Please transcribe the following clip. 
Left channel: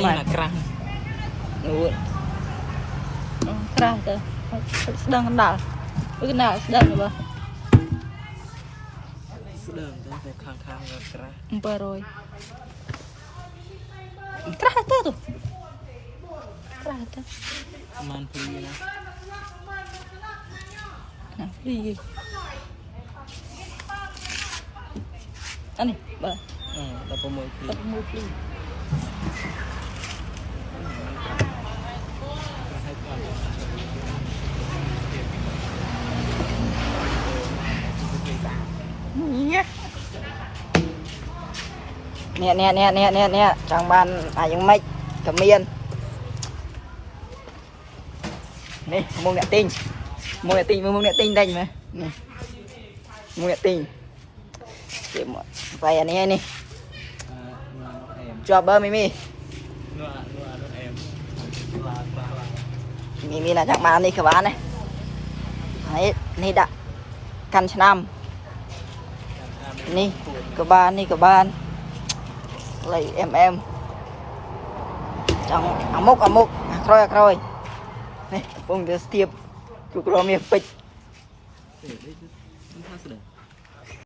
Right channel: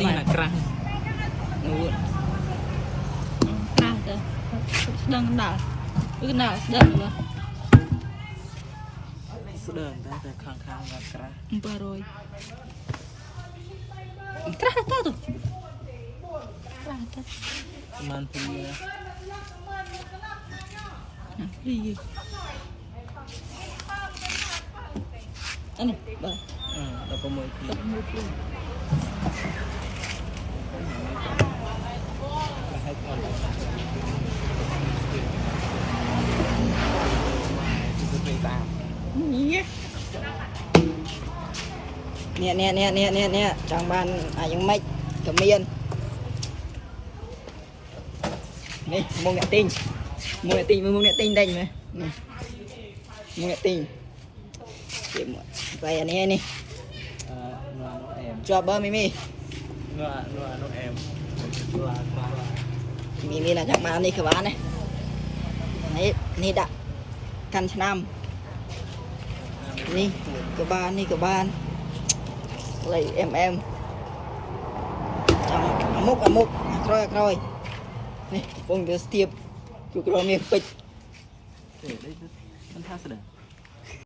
นี่นะกลางกลางแต่ดังกันดาวไม่กันดาวดังหรือเปล่าเดิมตั้งแต่ข้างๆกันกระ Baroi. Trata tuh. Trata. ประมาณปีนะ Nah, iya. Ani, bah. เราประเมินปี Tak mau beli. ให้ก่อนเนี่ยทางบ้านยังไม่กับเมียนนี่มุงเนี่ยติ้งมุงเนี่ยติ้งได้ไหมนี่มุงเนี่ยติ้งเดี๋ยวไปอันนี้นี่ นัวน้องแอม จอบเบอร์ไม่มี นัวน้องแอมนัวปลา มีนะทางบ้านนี่ขวานี่นี่ดะกันชนามนี่กบ้านอะไรtrong amok rồi này bông được tiếp chụp rồi miệng pịch มันท่าเสด็จ